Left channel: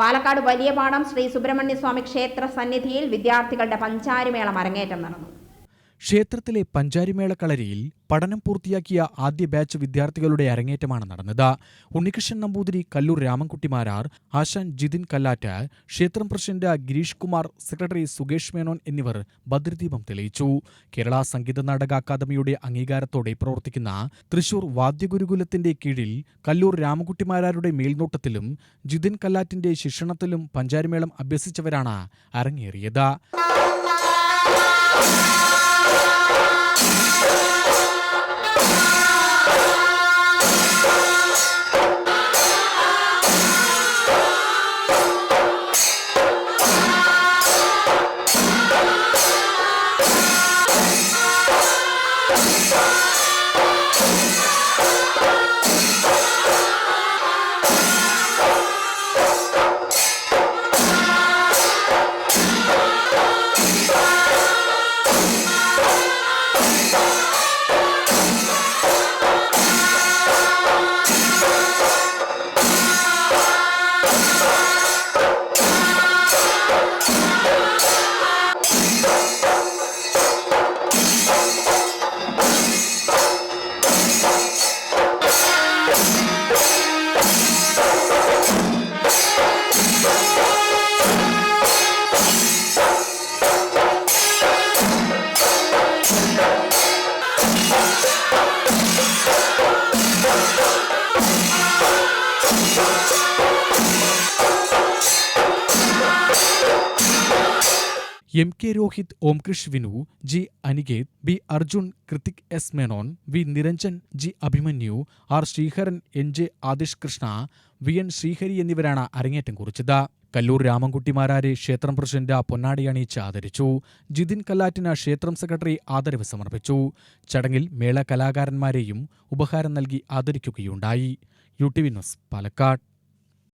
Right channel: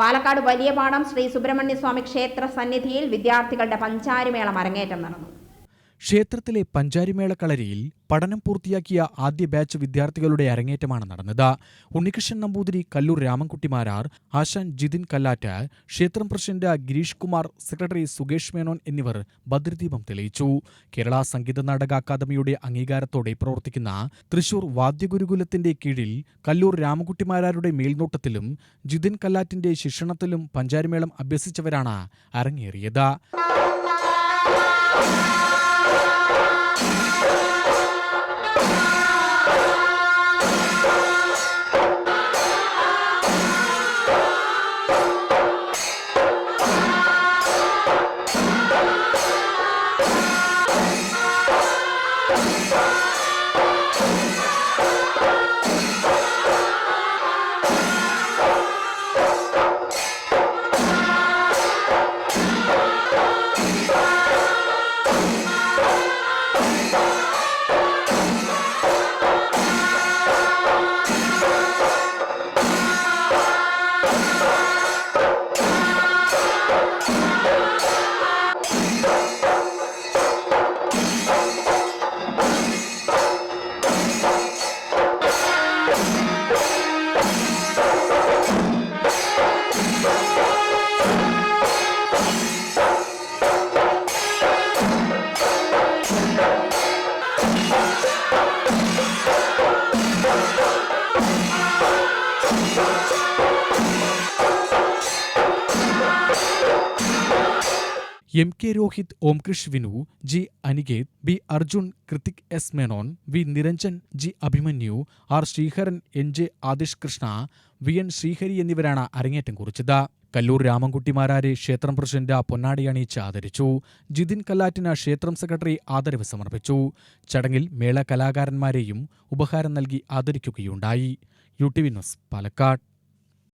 പാലക്കാട് വലിയപാടം ശ്രീ സുബ്രഹ്മണ്യസ്വാമി ക്ഷേത്ര സന്നിധിയിൽ വിദ്യാർത്ഥികളുടെ പഞ്ചാരിമേളം അരങ്ങേറ്റം നടന്നു. ക്ഷേത്രത്തിലെ പഞ്ചാരിമേള കളരിയിൽ പഠനം പൂർത്തിയാക്കിയ ആദ്യ ബാച്ച് വിദ്യാർത്ഥികളുടെ അരങ്ങേറ്റമാണ് നടന്നത്. ഉണ്ണികൃഷ്ണൻ നമ്പൂതിരി, കല്ലൂർ രാമൻകുട്ടിമാരാർ, ആശാൻ ജിതിൻ കല്ലാറ്റ്, ക്ഷേത്രം പ്രസിഡന്റ് ഗിരീഷ് കുമാർ, സെക്രട്ടറി സുകേഷ് മേനോൻ എന്നിവർ ഭദ്രദീപം തെളിയിച്ചു. കേരള സംഗീത നാടക അക്കാദമിയുടെ അംഗീകാരത്തോടെ പ്രവർത്തിക്കുന്ന തൃശൂർ വാദ്യഗുരുകുലത്തിന്റെ കീഴിൽ കല്ലൂർ രാമൻകുട്ടിമാരാരുടെ മേൽനോട്ടത്തിലും ജിതിൻ കല്ലാറ്റിന്റെ ശിക്ഷണത്തിലും പഞ്ചാരിമേളം അഭ്യസിച്ചവരാണ് അരങ്ങേറിയത്. M K Rohit, Omkrish Vinu, G Aniketh, B Arjun, Krithik S Menon, V Niranjan, G Abhimanyu, R Sreeharan, N J Adish Krishna, V N Sreehari എന്നിവരാണ് അരങ്ങേറ്റം കുറിച്ചത്. കല്ലൂർ രാമൻകുട്ടിമാരാരെ ക്ഷേത്രം പ്രസിഡന്റ് പൊന്നാടി അണിയിച്ച് ആദരിച്ചു. ജിതിൻ കല്ലാറ്റിന് ക്ഷേത്രം സെക്രട്ടറി ആദരവ് സമർപ്പിച്ചു. ചടങ്ങിൽ മേള കലാകാരന്മാരെയും ഉപഹാരം നൽകി ആദരിക്കുകയുണ്ടായി. UTV news, Palakkad.